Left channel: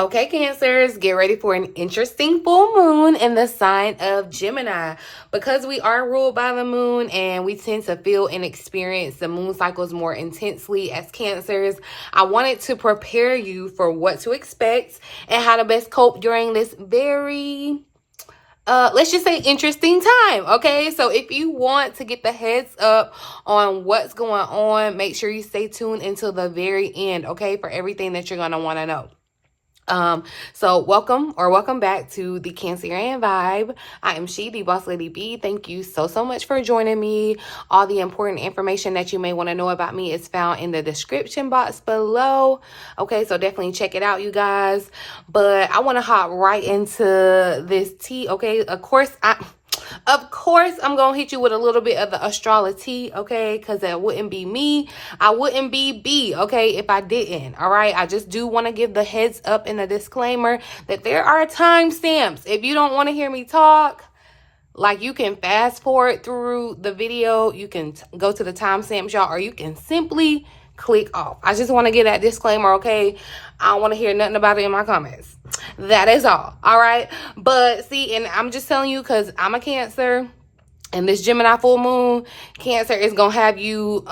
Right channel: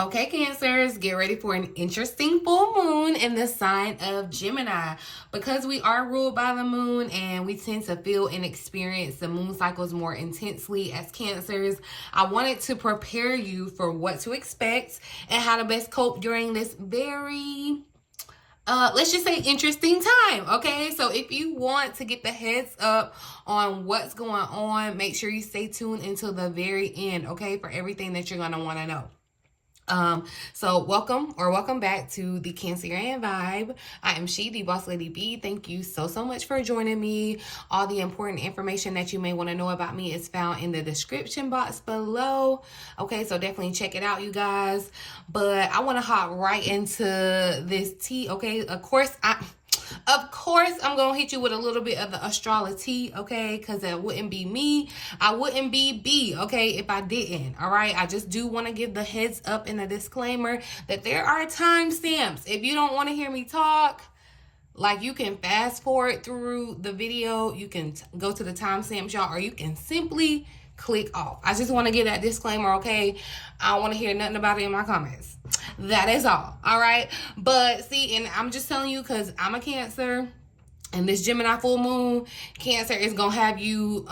Okay, Cancers, get ready for an interesting full moon in the sign of Gemini. Because we are ruled by the moon and we tend to feel and experience the moon cycles more intensely as Cancers, I wanted to prepare you for what to expect and how to best cope during this very let's just say interesting time. Okay, so if you want to get the heads up on what's going on, make sure you stay tuned until the very end, okay, for everything that you're going to want to know. So welcome back to the Cancerian Vibe. I am TheeBossLadyB. Thank you so much for joining me. All the important information that you may want to know about me is found in the description box below. Okay, so definitely check it out, you guys. But I want to hop right into this tea. Okay, of course I'm going to hit you with a little bit of the Astrolo-tea, okay? Because that wouldn't be me. I wouldn't be B, okay, if I didn't, all right? I just do want to give the heads up and a disclaimer that there are timestamps. If you don't want to hear me talk, like, you can fast forward through the video. You can go to the timestamps, y'all, or you can simply click off. I just want to give that disclaimer, okay? I don't want to hear nothing about it in my comments. That is all right? But see, and I'm just telling you because I'm a Cancer, and this Gemini full moon, Cancer is going to have you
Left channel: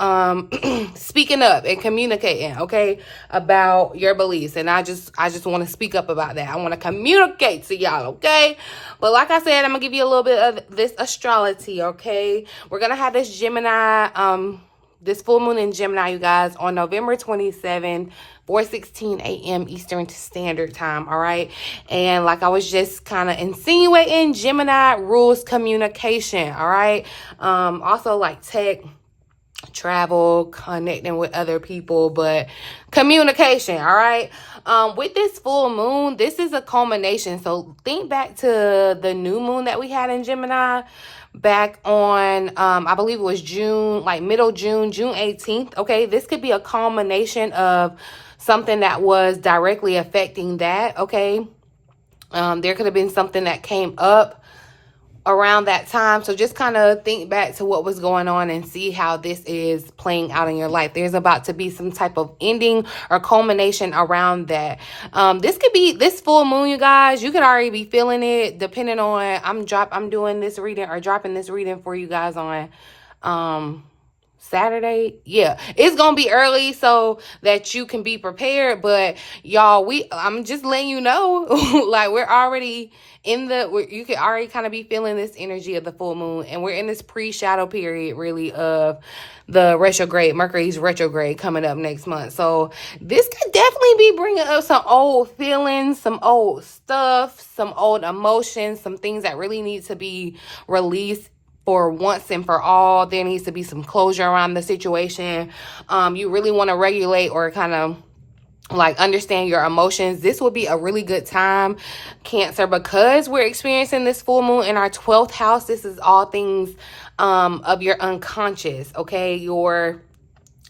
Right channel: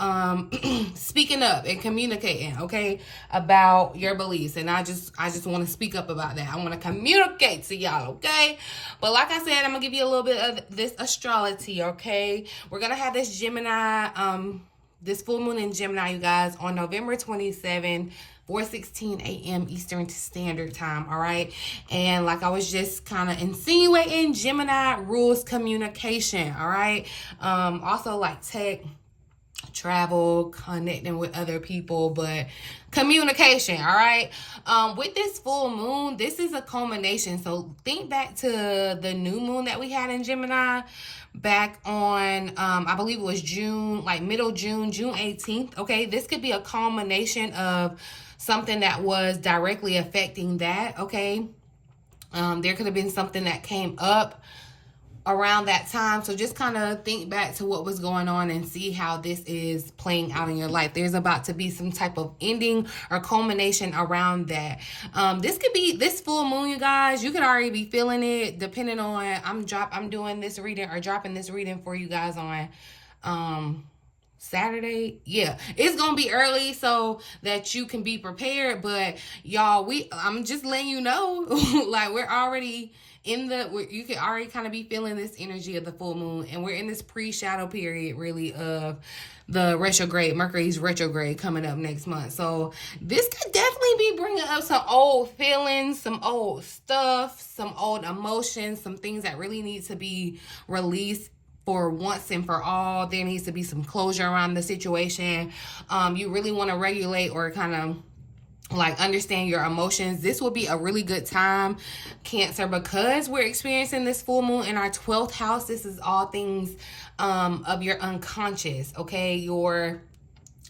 speaking up and communicating, okay, about your beliefs. And I just want to speak up about that. I want to communicate to y'all, okay? But like I said, I'm going to give you a little bit of this Astrolo-tea, okay? We're going to have this Gemini, this full moon in Gemini, you guys, on November 27th, 4:16 a.m. Eastern Standard Time, all right? And like I was just kind of insinuating, Gemini rules communication, all right? Also like tech, travel, connecting with other people, but communication, all right? With this full moon, this is a culmination. So think back to the new moon that we had in Gemini back on, I believe it was June, like middle June 18th, okay? This could be a culmination of something that was directly affecting that, okay? There could have been something that came up around that time. So just kind of think back to what was going on and see how this is playing out in your life. There's about to be some type of ending or culmination around that. This could be this full moon, you guys. You could already be feeling it depending on, I'm doing this reading or dropping this reading for you guys on Saturday. Yeah, it's gonna be early so that you can be prepared, but y'all, I'm just letting you know, like, we're already in you can already kind of be feeling this energy of the full moon, and we're in this pre-shadow period really of the retrograde, Mercury's retrograde coming up next month. So this could definitely be bringing up some old feelings, some old stuff, some old emotions, some things that really need to be released for once and for all. There needs to be some closure around the situation. You really want to regulate or kind of like understand your emotions. This will be a really good time, Cancer, because we're experiencing this full moon in our 12th house. This is all things of your unconscious, okay? Your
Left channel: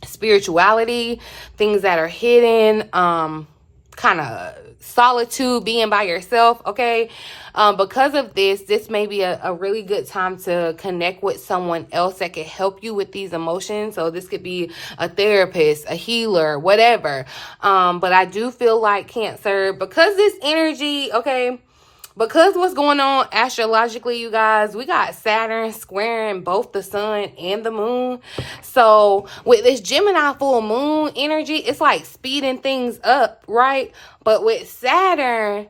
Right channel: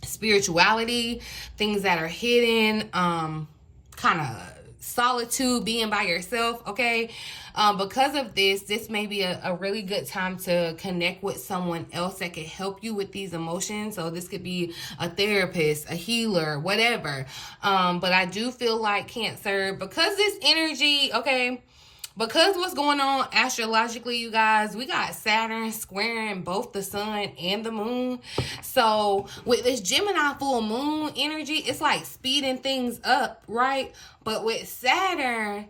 spirituality, things that are hidden, kind of solitude, being by yourself, okay? Because of this may be a really good time to connect with someone else that can help you with these emotions. So this could be a therapist, a healer, whatever. But I do feel like, Cancer, because this energy, okay, because what's going on astrologically, you guys, we got Saturn squaring both the sun and the moon. So with this Gemini full moon energy, it's like speeding things up, right? But with Saturn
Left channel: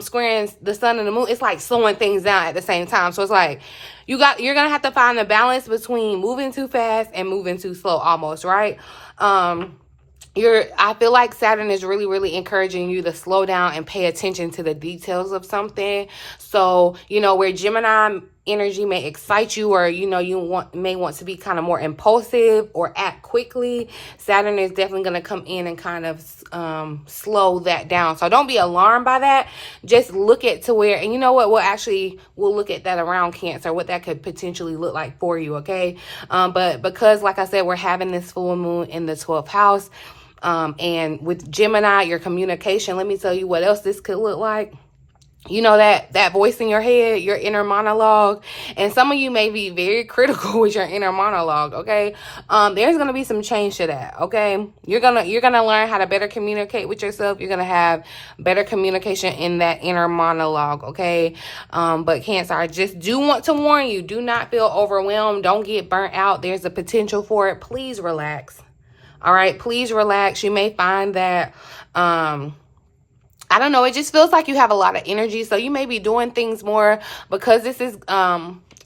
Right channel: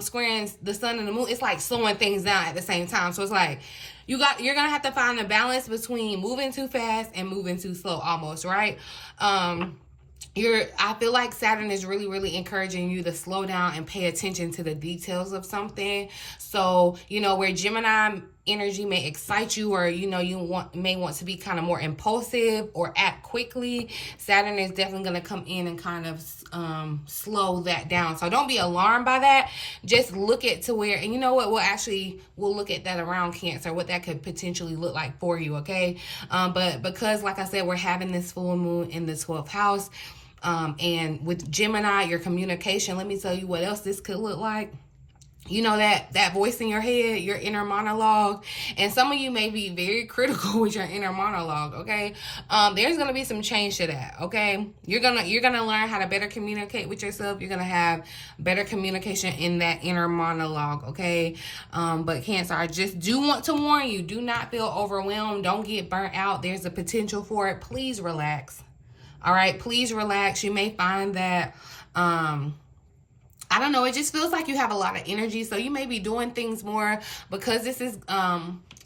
squaring the sun and the moon, it's like slowing things down at the same time. So it's like you're gonna have to find the balance between moving too fast and moving too slow, almost, right? I feel like Saturn is really encouraging you to slow down and pay attention to the details of something. So, you know, where Gemini energy may excite you, or, you know, you may want to be kind of more impulsive or act quickly, Saturn is definitely going to come in and kind of slow that down. So don't be alarmed by that. Just look at to where, and you know what, we'll look at that around Cancer, what that could potentially look like for you, okay? But because, like I said, we're having this full moon in the 12th house, and with Gemini, your communication, let me tell you what else this could look like. you know, that voice in your head, your inner monologue. And some of you may be very critical with your inner monologue, okay? There's gonna be some change to that, okay? You're gonna learn how to better communicate with yourself. You're gonna have better communication in that inner monologue, okay? But Cancer, I just do want to warn you, do not feel overwhelmed. Don't get burnt out. There's a potential for it. Please relax. All right, please relax. You may find that I don't know, it just feels like you have a lot of energy. So you may be doing things more because this is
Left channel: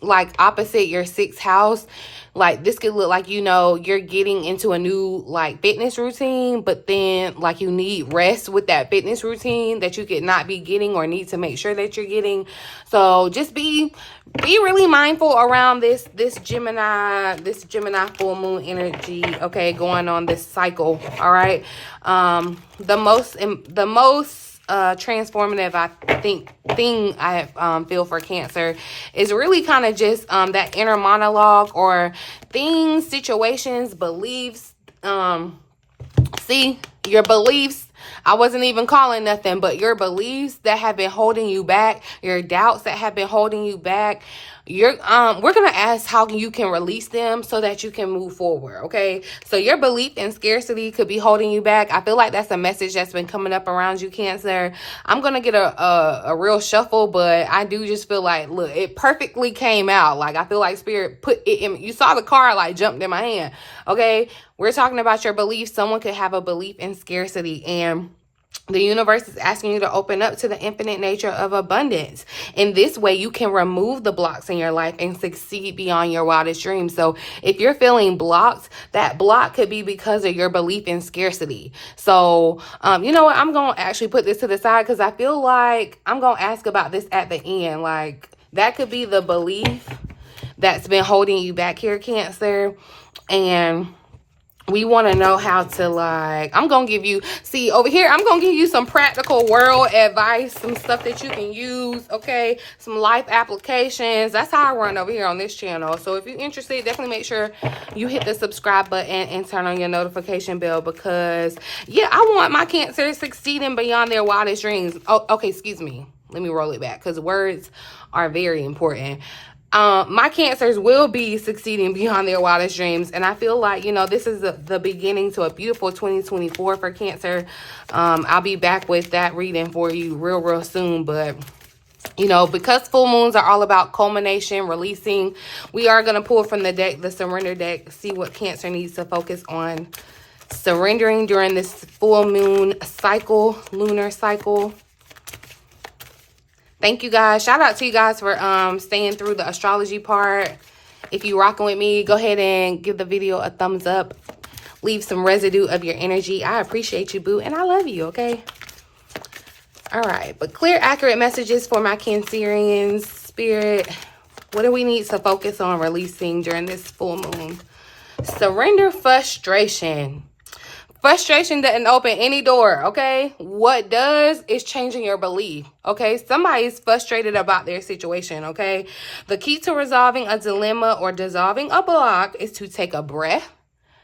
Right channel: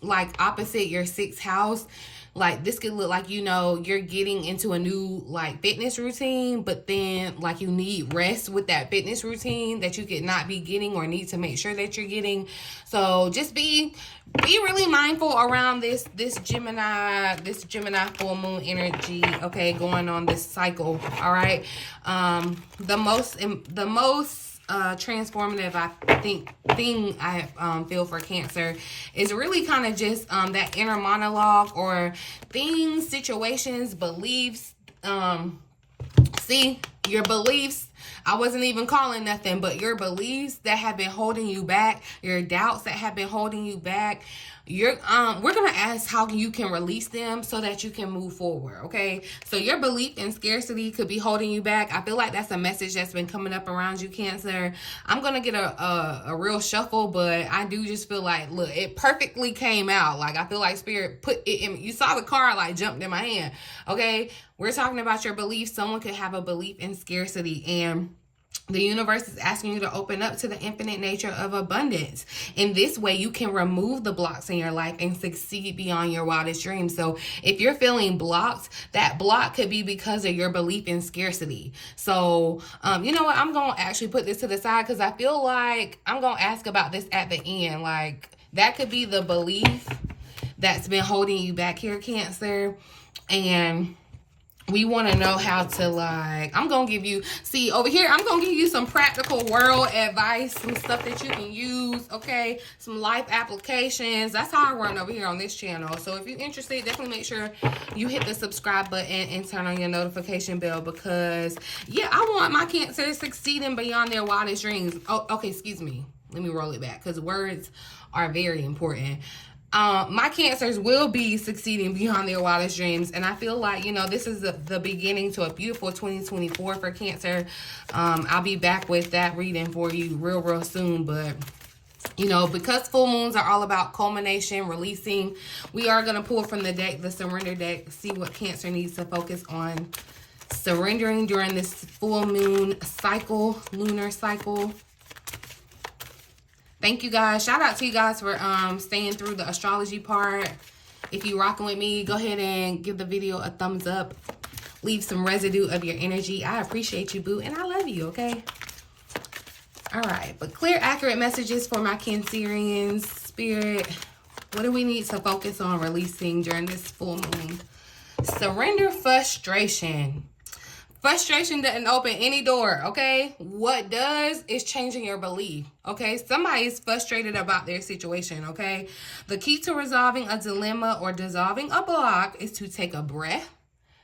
like opposite your 6th house. Like this could look like, you know, you're getting into a new like fitness routine, but then like you need rest with that fitness routine that you could not be getting or need to make sure that you're getting. So just be really mindful around this Gemini full moon energy, okay, going on this cycle. All right. The most transformative thing I feel for Cancer is really kind of just that inner monologue or things, situations, beliefs. See, your beliefs, I wasn't even calling nothing, but your beliefs that have been holding you back, your doubts that have been holding you back, we're gonna ask how you can release them so that you can move forward, okay? So your belief in scarcity could be holding you back. I feel like that's a message that's been coming up around you, Cancer. I'm gonna get a real shuffle, but I do just feel like, look, it perfectly came out. Like I feel like Spirit put it in. You saw the card like jumped in my hand, okay? We're talking about your beliefs. Someone could have a belief in scarcity, and the universe is asking you to open up to the infinite nature of abundance. In this way, you can remove the blocks in your life and succeed beyond your wildest dreams. So if you're feeling blocked, that block could be because of your belief in scarcity. So, you know what? I'm going to actually put this to the side because I feel like I'm going to ask about this at the end. Like that could be the belief that's been holding you back here, Cancer. And we want to know how to, like, I'm going to give you, see, over here, I'm going to give you some practical world advice, some stuff that you can use, okay? Some life applications. That's how I run over here on this channel. So if you're interested, definitely make sure you hit the subscribe button and turn on your notification bell because, yeah, I want my Cancer succeeding beyond their wildest dreams. Oh, okay, excuse me. Let me roll it back because words are very important. My Cancers will be succeeding beyond their wildest dreams. And I feel like, you know, this is the beginning to a beautiful 2024 for Cancer. I'll be back with that reading for you real soon. But, you know, because full moons are all about culmination, releasing, we are going to pull from the deck, the surrender deck, see what Cancer needs to focus on surrendering during this full moon cycle, lunar cycle. Thank you guys. Shout out to you guys for staying through the astrology part. If you rocking with me, go ahead and give the video a thumbs up. Leave some residue of your energy. I appreciate you, boo, and I love you, okay? All right, but clear, accurate messages for my Cancerians. Spirit, what do we need to focus on releasing during this full moon? Surrender frustration. Frustration doesn't open any door, okay? What does is changing your belief, okay? Somebody is frustrated about their situation, okay? The key to resolving a dilemma or dissolving a block is to take a breath,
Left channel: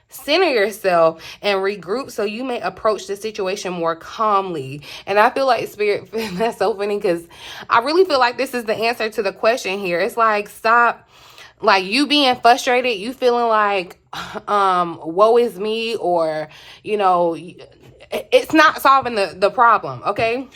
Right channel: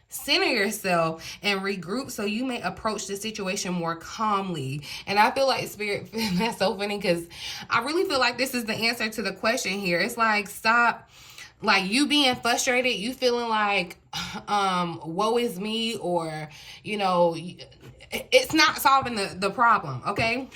center yourself, and regroup so you may approach the situation more calmly. And I feel like, Spirit, that's so funny because I really feel like this is the answer to the question here. It's like, stop. Like you being frustrated, you feeling like, woe is me, or, you know, it's not solving the problem, okay?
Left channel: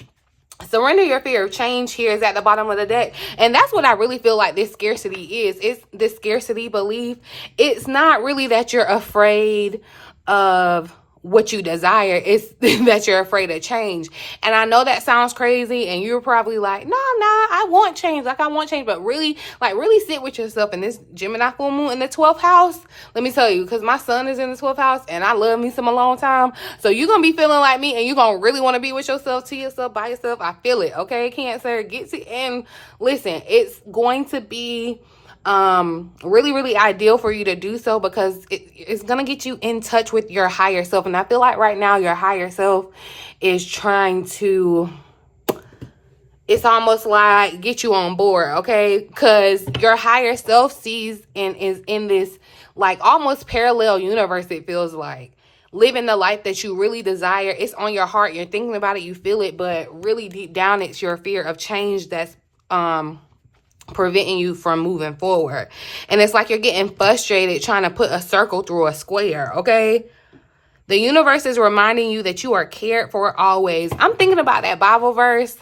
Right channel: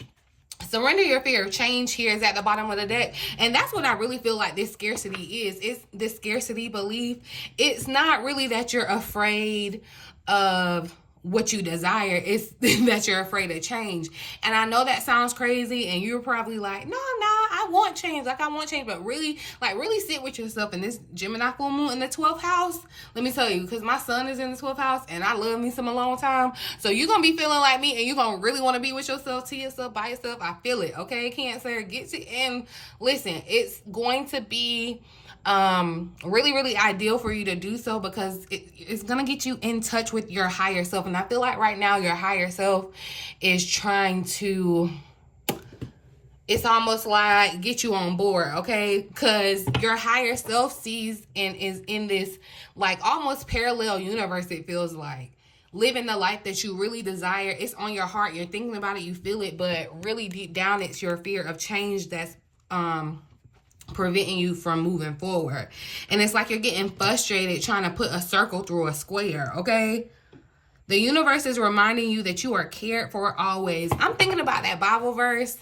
Surrender your fear of change here is at the bottom of the deck. And that's what I really feel like this scarcity is. It's this scarcity belief. It's not really that you're afraid of what you desire, is that you're afraid of change. And I know that sounds crazy, and you're probably like, no, I want change. Like, I want change. But really, like, really sit with yourself in this Gemini full moon in the 12th house. Let me tell you, because my son is in the 12th house, and I love me some alone time. So you're going to be feeling like me, and you're going to really want to be with yourself, to yourself, by yourself. I feel it, okay, Cancer? Get to, and listen, it's going to be really ideal for you to do so because it's gonna get you in touch with your higher self. And I feel like right now your higher self is trying to, it's almost like get you on board, okay? Because your higher self sees and is in this like almost parallel universe, it feels like living the life that you really desire. It's on your heart. You're thinking about it. You feel it. But really deep down, it's your fear of change that's preventing you from moving forward. And it's like you're getting frustrated trying to put a circle through a square, okay? The universe is reminding you that you are cared for always. I'm thinking about that Bible verse.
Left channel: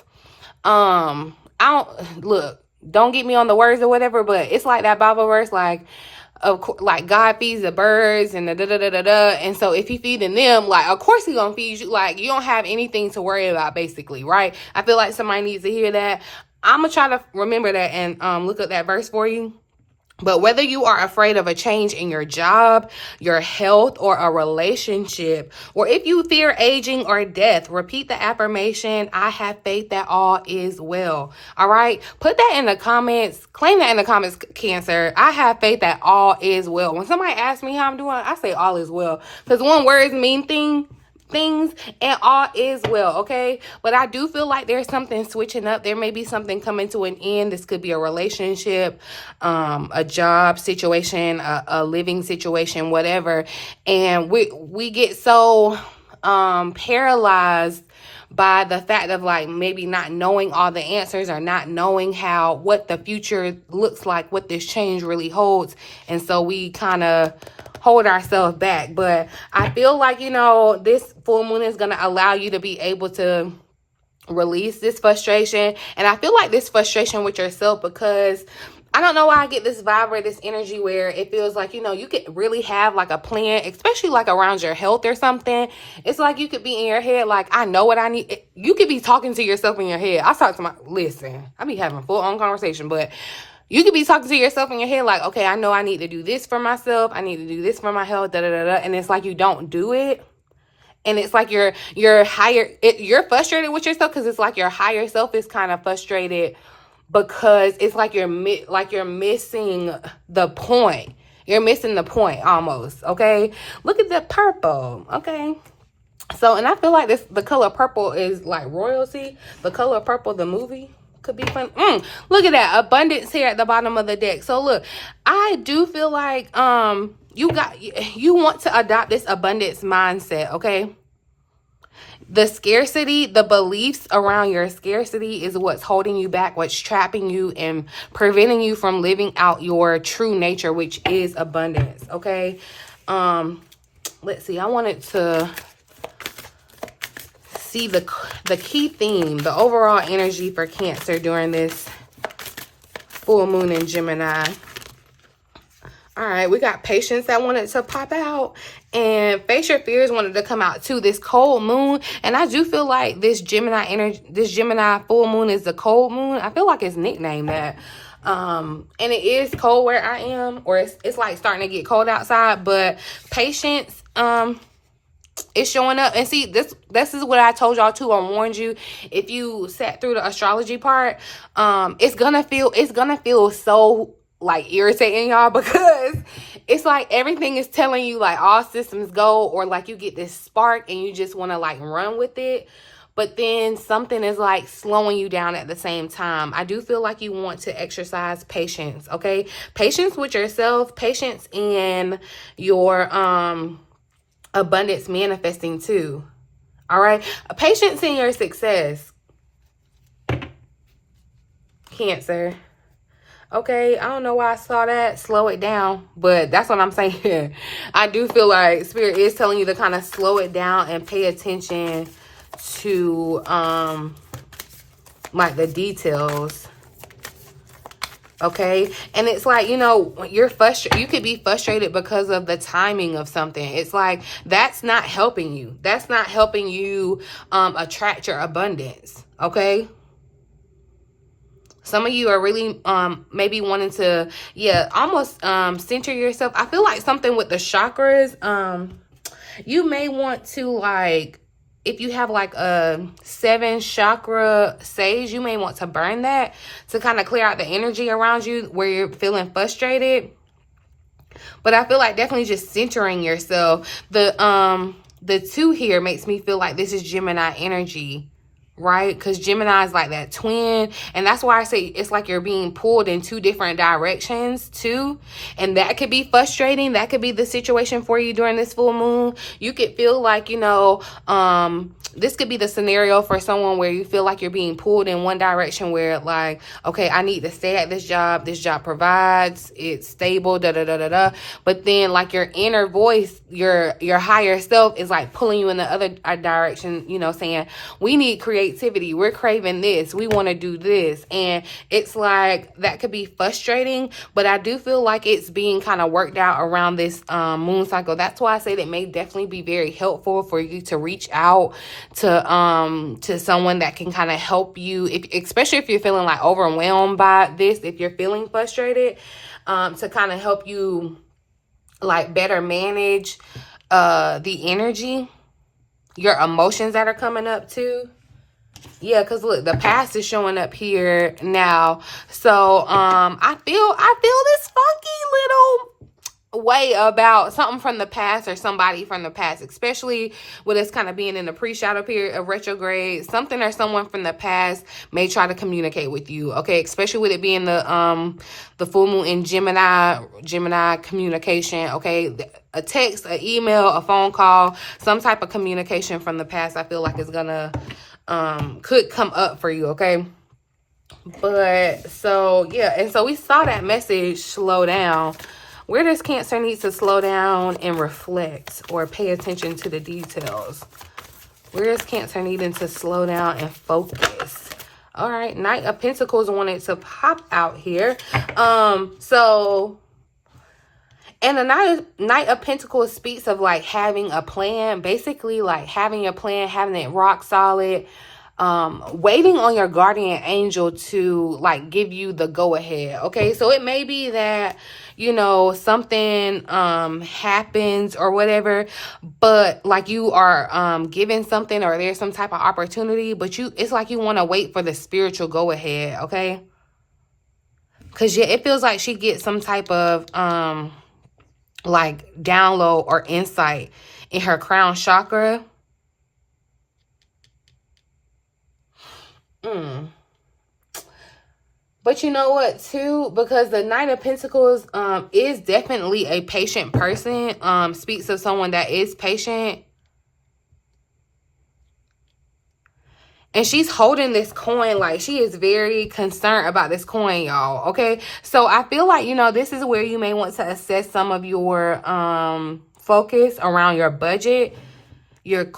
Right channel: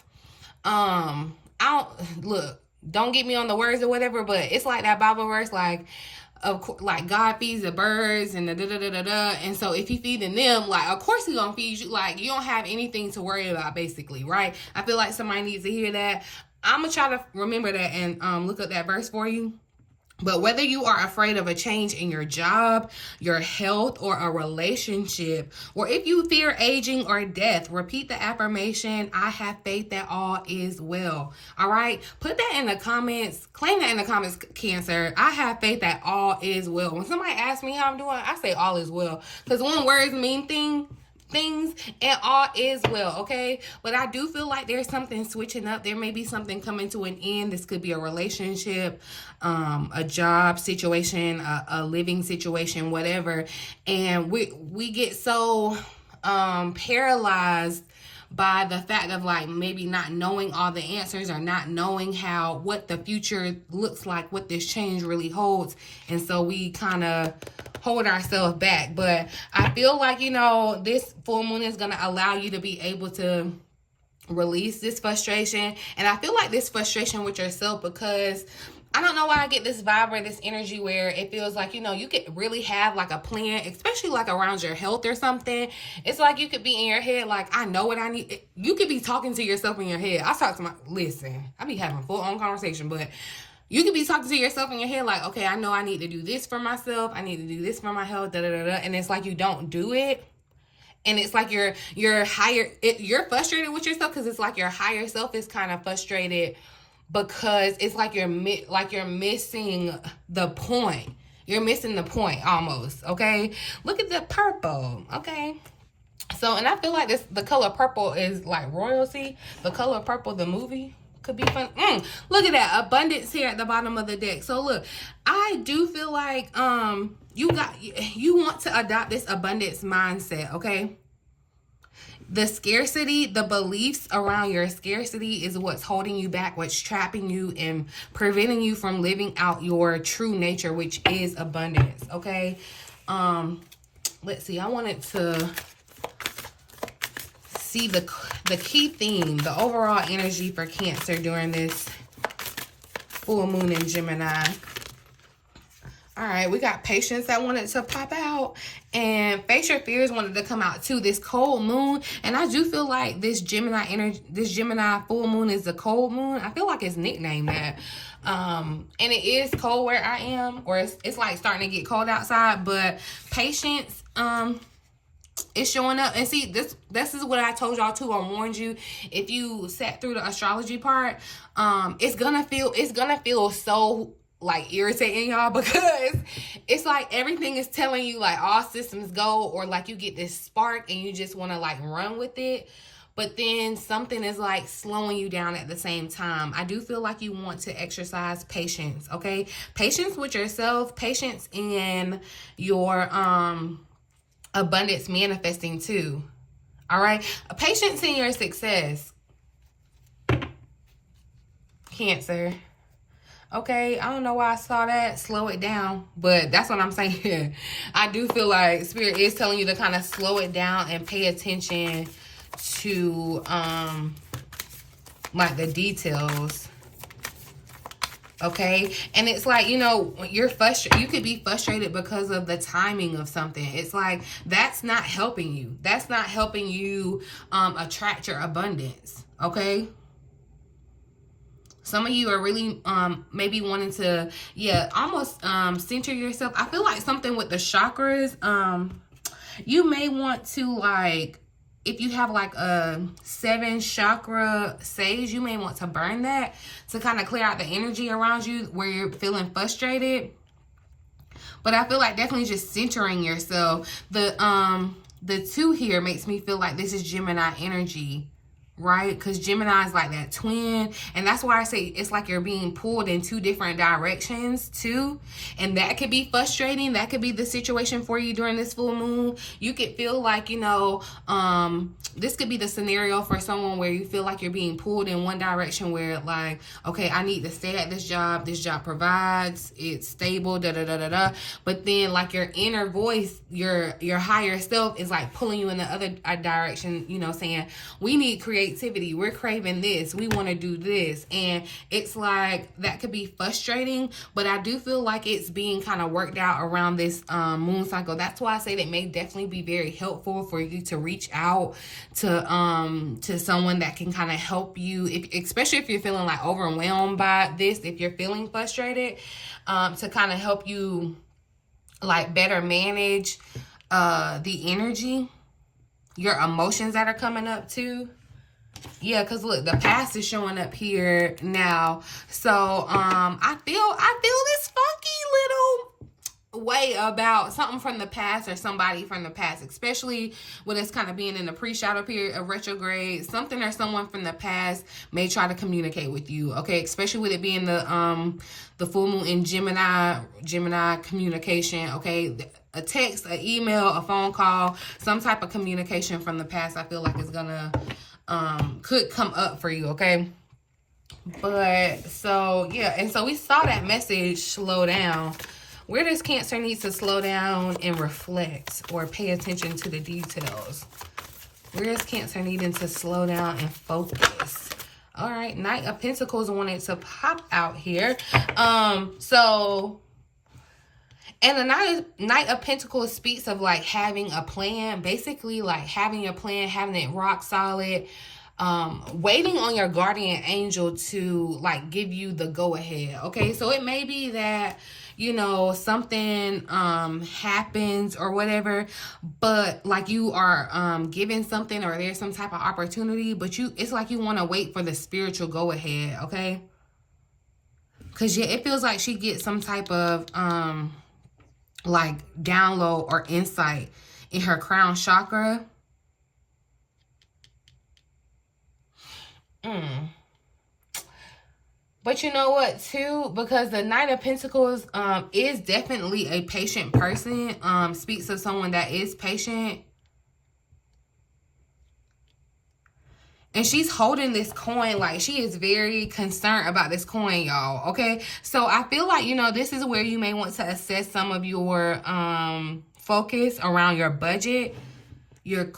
I don't, look, don't get me on the words or whatever, but it's like that Bible verse, like, of course, like God feeds the birds and the da-da-da-da-da. And so if he feeding them, like, of course he gonna feed you. Like, you don't have anything to worry about, basically, right? I feel like somebody needs to hear that. I'm gonna try to remember that and look up that verse for you. But whether you are afraid of a change in your job, your health, or a relationship, or if you fear aging or death, repeat the affirmation, I have faith that all is well. All right? Put that in the comments. Claim that in the comments, Cancer. I have faith that all is well. When somebody asks me how I'm doing, I say all is well. Because one word mean things and all is well, okay? But I do feel like there's something switching up. There may be something coming to an end. This could be a relationship, a job situation, a living situation, whatever. And we get so paralyzed by the fact of like maybe not knowing all the answers or not knowing what the future looks like, what this change really holds. And so we kind of hold ourselves back. But I feel like, you know, this full moon is going to allow you to be able to release this frustration. And I feel like this frustration with yourself, because I don't know why I get this vibe or this energy where it feels like, you know, you could really have like a plan, especially like around your health or something. It's like you could be in your head like, I know what I need. You could be talking to yourself in your head. Listen, I be having full on conversation, but you could be talking to yourself in your head like, okay, I know I need to do this for myself. I need to do this for my health, da-da-da-da. And it's like you don't do it. And it's like you're frustrated with yourself because it's like your higher self is kind of frustrated because it's like you're missing the point. You're missing the point almost, okay? Look at the purple, okay? So, and I feel like the color purple is like royalty. The color purple, the movie, could be fun. Look at that abundance here at the bottom of the deck. So look, I do feel like you want to adopt this abundance mindset, okay? The scarcity, the beliefs around your scarcity is what's holding you back, what's trapping you and preventing you from living out your true nature, which is abundance, okay? Let's see. I wanted to see the key theme, the overall energy for Cancer during this full moon in Gemini. All right, we got patience that wanted to pop out, and face your fears wanted to come out too. This cold moon, and I do feel like this Gemini energy, this Gemini full moon is the cold moon. I feel like it's nicknamed that. And it is cold where I am, or it's like starting to get cold outside, but patience it's showing up. And see, this is what I told y'all too. I warned you, if you sat through the astrology part, it's gonna feel so like irritating, y'all, because it's like everything is telling you like all systems go, or like you get this spark and you just want to like run with it, but then something is like slowing you down at the same time. I do feel like you want to exercise patience, okay? Patience with yourself, patience in your abundance manifesting too. All right, patience in your success, Cancer. Okay, I don't know why I saw that. Slow it down, but that's what I'm saying. I do feel like Spirit is telling you to kind of slow it down and pay attention to like the details. Okay, and it's like, you know, you're frustrated. You could be frustrated because of the timing of something. It's like that's not helping you. That's not helping you attract your abundance. Okay. Some of you are really maybe wanting to, almost center yourself. I feel like something with the chakras. You may want to, like, if you have like a 7 chakra sage, you may want to burn that to kind of clear out the energy around you where you're feeling frustrated. But I feel like definitely just centering yourself. The 2 here makes me feel like this is Gemini energy, right? Because Gemini is like that twin, and that's why I say it's like you're being pulled in two different directions too, and that could be frustrating. That could be the situation for you during this full moon. You could feel like, you know, this could be the scenario for someone where you feel like you're being pulled in one direction, where like, okay, I need to stay at this job provides, it's stable, but then like your inner voice, your higher self is like pulling you in the other direction, you know, saying we need creativity, we're craving this, we want to do this. And it's like that could be frustrating, but I do feel like it's being kind of worked out around this moon cycle. That's why I say that may definitely be very helpful for you to reach out to someone that can kind of help you, especially if you're feeling like overwhelmed by this, if you're feeling frustrated, to kind of help you like better manage the energy, your emotions that are coming up too. Yeah, because look, the past is showing up here now. So I feel this funky little way about something from the past or somebody from the past, especially with us kind of being in the pre-shadow period of retrograde. Something or someone from the past may try to communicate with you, okay? Especially with it being the full moon in Gemini communication, okay? A text, an email, a phone call, some type of communication from the past, I feel like is gonna could come up for you, okay? But so yeah, and so we saw that message, slow down. Where does Cancer need to slow down and reflect or pay attention to the details? Where is Cancer needing to slow down and focus? All right, Knight of Pentacles wanted to pop out here. And the Knight of Pentacles speaks of like having a plan, basically like having a plan, having it rock solid, waiting on your guardian angel to like give you the go ahead. Okay, so it may be that, you know, something happens or whatever, but like you are given something, or there's some type of opportunity, but it's like you want to wait for the spiritual go ahead. Okay, because yeah, it feels like she gets some type of like download or insight in her crown chakra. But you know what too, because the Knight of Pentacles is definitely a patient person, speaks of someone that is patient. And she's holding this coin, like she is very concerned about this coin, y'all. Okay, so I feel like, you know, this is where you may want to assess some of your focus around your budget, your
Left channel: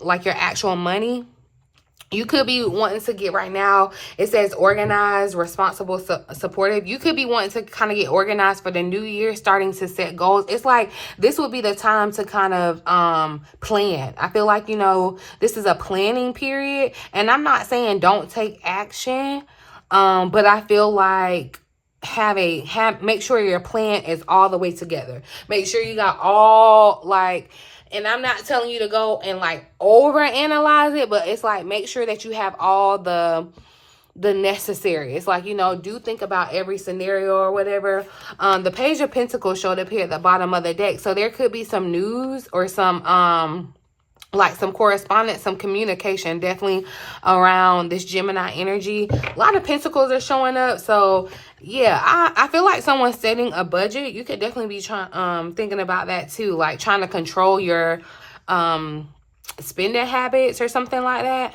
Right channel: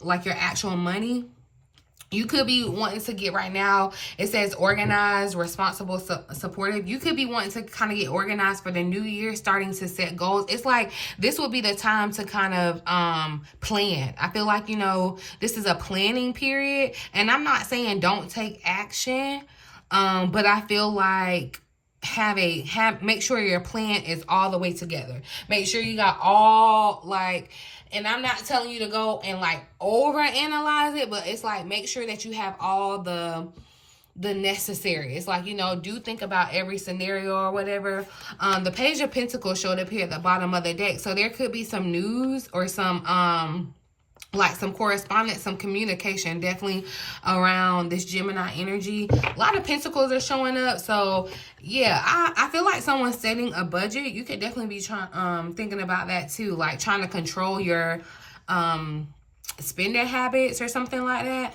actual money. You could be wanting to get right now, it says organized, responsible, supportive. You could be wanting to kind of get organized for the new year, starting to set goals. It's like this would be the time to kind of plan. I feel like, you know, this is a planning period. And I'm not saying don't take action, but I feel like make sure your plan is all the way together. Make sure you got all like... And I'm not telling you to go and like overanalyze it, but it's like make sure that you have all the necessary. It's like, you know, do think about every scenario or whatever. The Page of Pentacles showed up here at the bottom of the deck. So there could be some news or some like some correspondence, some communication definitely around this Gemini energy. A lot of Pentacles are showing up. So yeah, I feel like someone's setting a budget. You could definitely be thinking about that too, like trying to control your spending habits or something like that.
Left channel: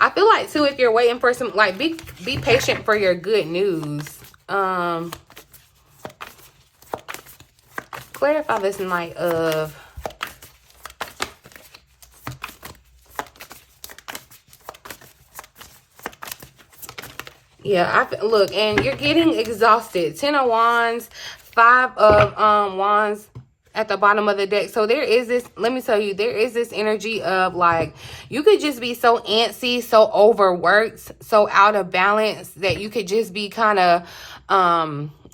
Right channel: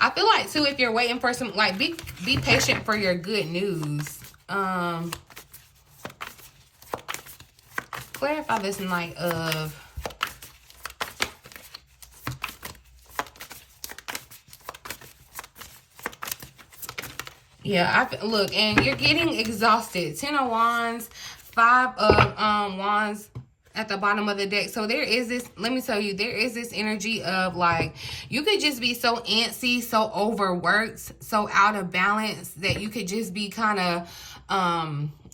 I feel like too, if you're waiting for some, like be patient for your good news. Clarify this Knight of... Yeah, look, and you're getting exhausted. 10 of Wands, 5 of Wands at the bottom of the deck. So there is this, let me tell you, there is this energy of like, you could just be so antsy, so overworked, so out of balance that you could just be kind of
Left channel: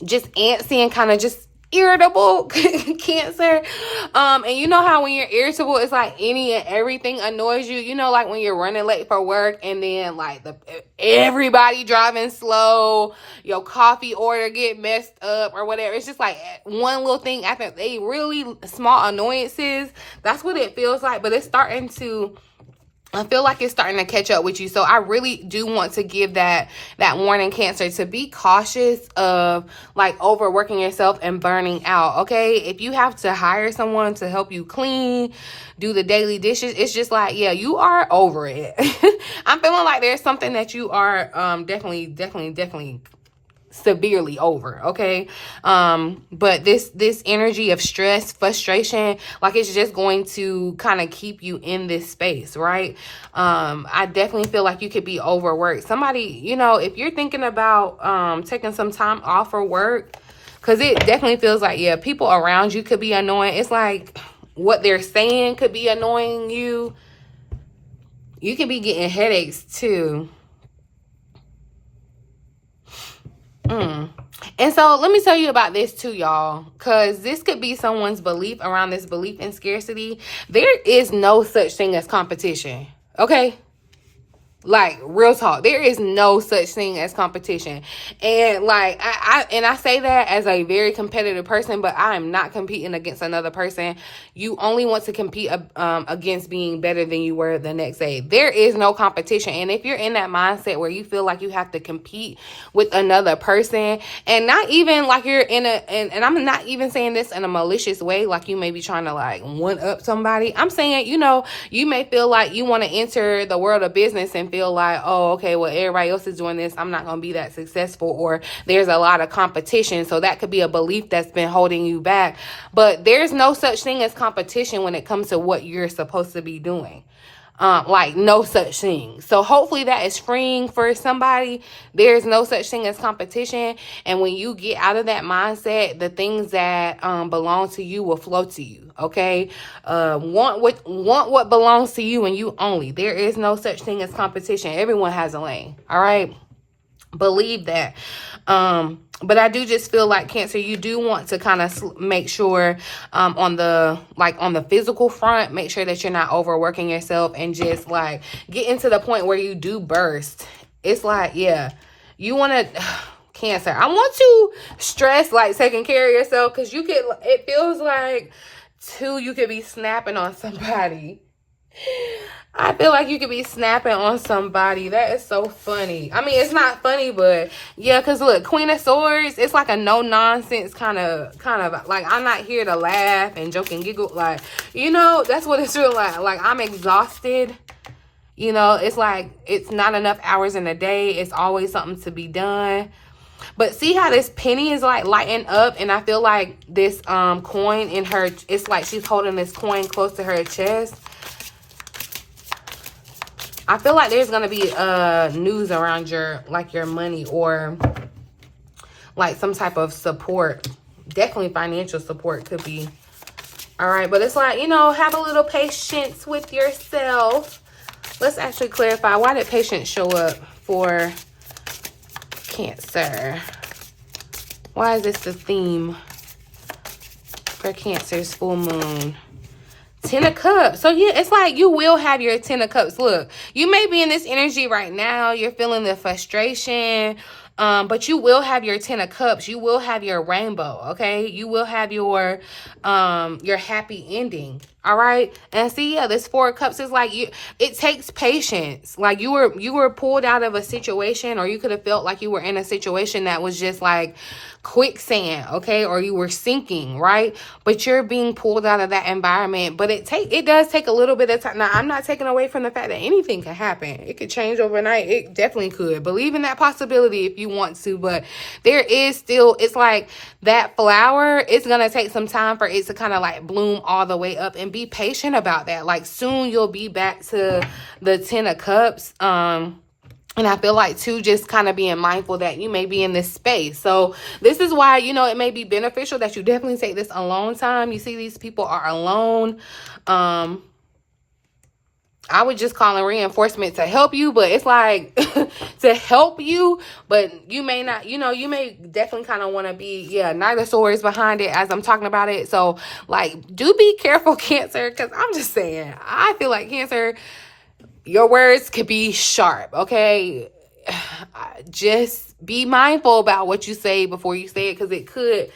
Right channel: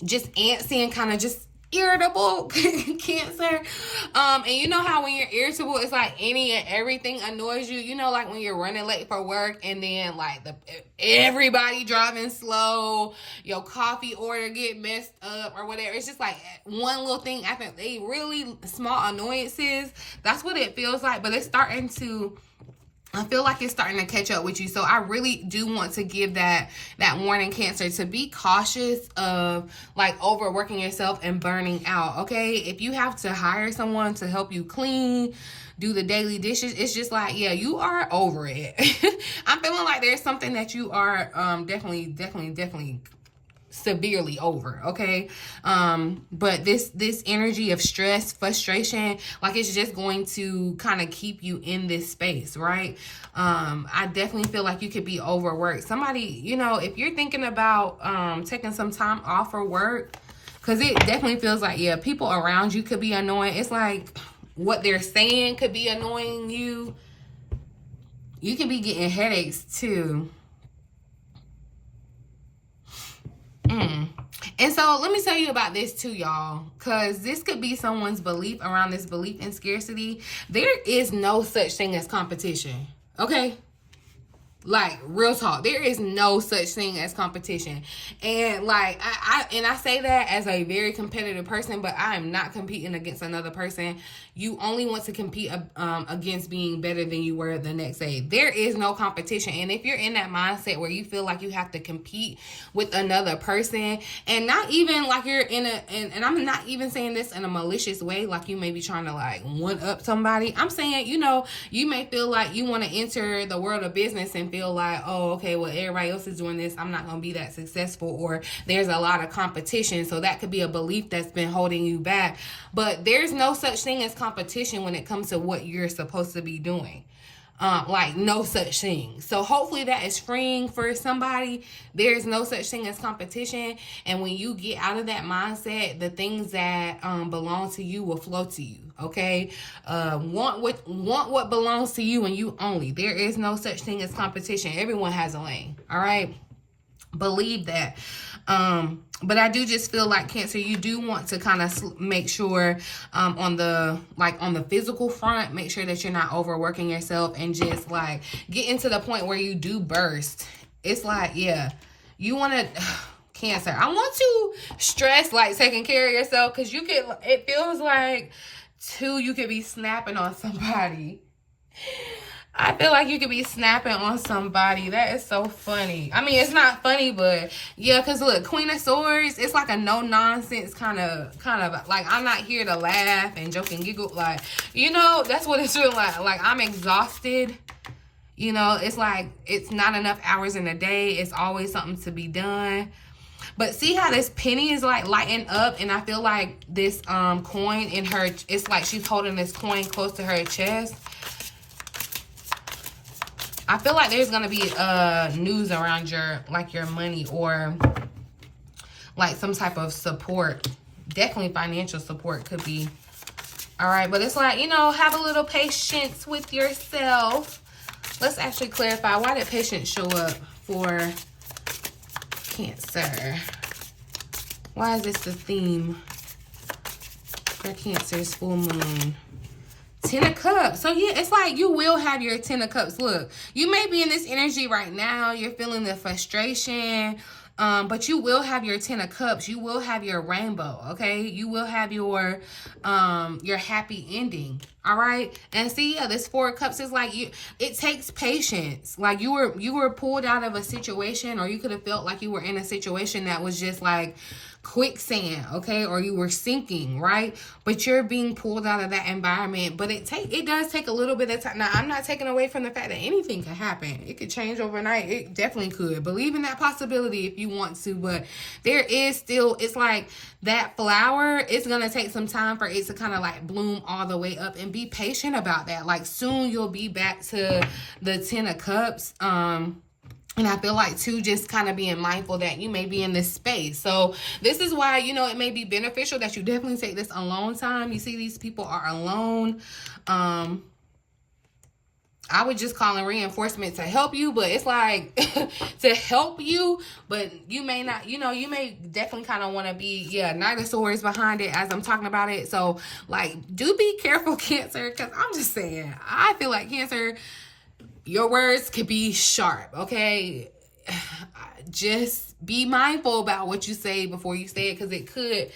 just antsy and kind of just irritable Cancer. And you know how when you're irritable, it's like any and everything annoys you. You know, like when you're running late for work and then like everybody driving slow, your coffee order get messed up or whatever. It's just like one little thing after they really small annoyances. That's what it feels like. But it's starting to, I feel like it's starting to catch up with you. So I really do want to give that warning, Cancer, to be cautious of like overworking yourself and burning out. Okay, if you have to hire someone to help you clean, do the daily dishes, it's just like, yeah, you are over it. I'm feeling like there's something that you are definitely severely over. Okay, but this energy of stress, frustration, like it's just going to kind of keep you in this space, right? I definitely feel like you could be overworked. Somebody, you know, if you're thinking about taking some time off for work, because it definitely feels like, yeah, people around you could be annoying. It's like what they're saying could be annoying you. You can be getting headaches too. And so let me tell you about this too, y'all, because this could be someone's belief around this belief in scarcity. There is no such thing as competition, okay? Like, real talk, there is no such thing as competition. And like I say that as a very competitive person, but I am not competing against another person. You only want to compete against being better than you were the next day. There is no competition. And if you're in that mindset where you feel like you have to compete with another person, and not even like you're in a, and I'm not even saying this in a malicious way, like you may be trying to like one up somebody. I'm saying, you know, you may feel like you want to enter the world of business and feel like, oh, okay, well, everybody else is doing this, I'm not going to be that successful, or there's a lot of competition. So that could be a belief that's been holding you back. But there's no such thing as competition when it comes to what you're supposed to be doing. Like no such thing. So hopefully that is freeing for somebody. There's no such thing as competition. And when you get out of that mindset, the things that belong to you will flow to you. Okay, want what belongs to you and you only. There is no such thing as competition. Everyone has a lane. All right, believe that. But I do just feel like, Cancer, you do want to kind of make sure on the physical front, make sure that you're not overworking yourself and just like getting to the point where you do burst. It's like, yeah, you want to, Cancer, I want to stress like taking care of yourself, because you could, it feels like too, you could be snapping on somebody. I feel like you could be snapping on somebody. That is so funny. I mean, it's not funny, but yeah, because look, Queen of Swords, it's like a no-nonsense kind of like, I'm not here to laugh and joke and giggle. Like, you know, that's what it's really like. Like, I'm exhausted. You know, it's like, it's not enough hours in a day. It's always something to be done. But see how this penny is like lighting up, and I feel like this coin in her, it's like she's holding this coin close to her chest. I feel like there's going to be news around your money, or like some type of support. Definitely financial support could be. All right, but it's like, you know, have a little patience with yourself. Let's actually clarify, why did patience show up for Cancer? Why is this the theme for Cancer's full moon? 10 of Cups. So yeah, it's like you will have your 10 of Cups. Look, you may be in this energy right now. You're feeling the frustration. But you will have your 10 of Cups. You will have your rainbow, okay? You will have your happy ending, all right? And see, yeah, this 4 of Cups is like, it takes patience. Like you were pulled out of a situation, or you could have felt like you were in a situation that was just like quicksand, okay? Or you were sinking, right? But you're being pulled out of that environment. But it does take a little bit of time. Now, I'm not taking away from the fact that anything can happen. It could change overnight. It definitely could. Believe in that possibility if you want to. But there is still, it's like that flower, it's going to take some time for it to kind of like bloom all the way up, and be patient about that. Like soon you'll be back to the 10 of Cups. And I feel like, too, just kind of being mindful that you may be in this space. So this is why, you know, it may be beneficial that you definitely take this alone time. You see, these people are alone. I I would just call in reinforcement to help you, but it's like to help you, but you may not, you know, you may definitely kind of want to be, yeah, Knight of Swords behind it as I'm talking about it. So like, do be careful, Cancer, because I'm just saying, I feel like Cancer, your words could be sharp, okay? Just be mindful about what you say before you say it, because it could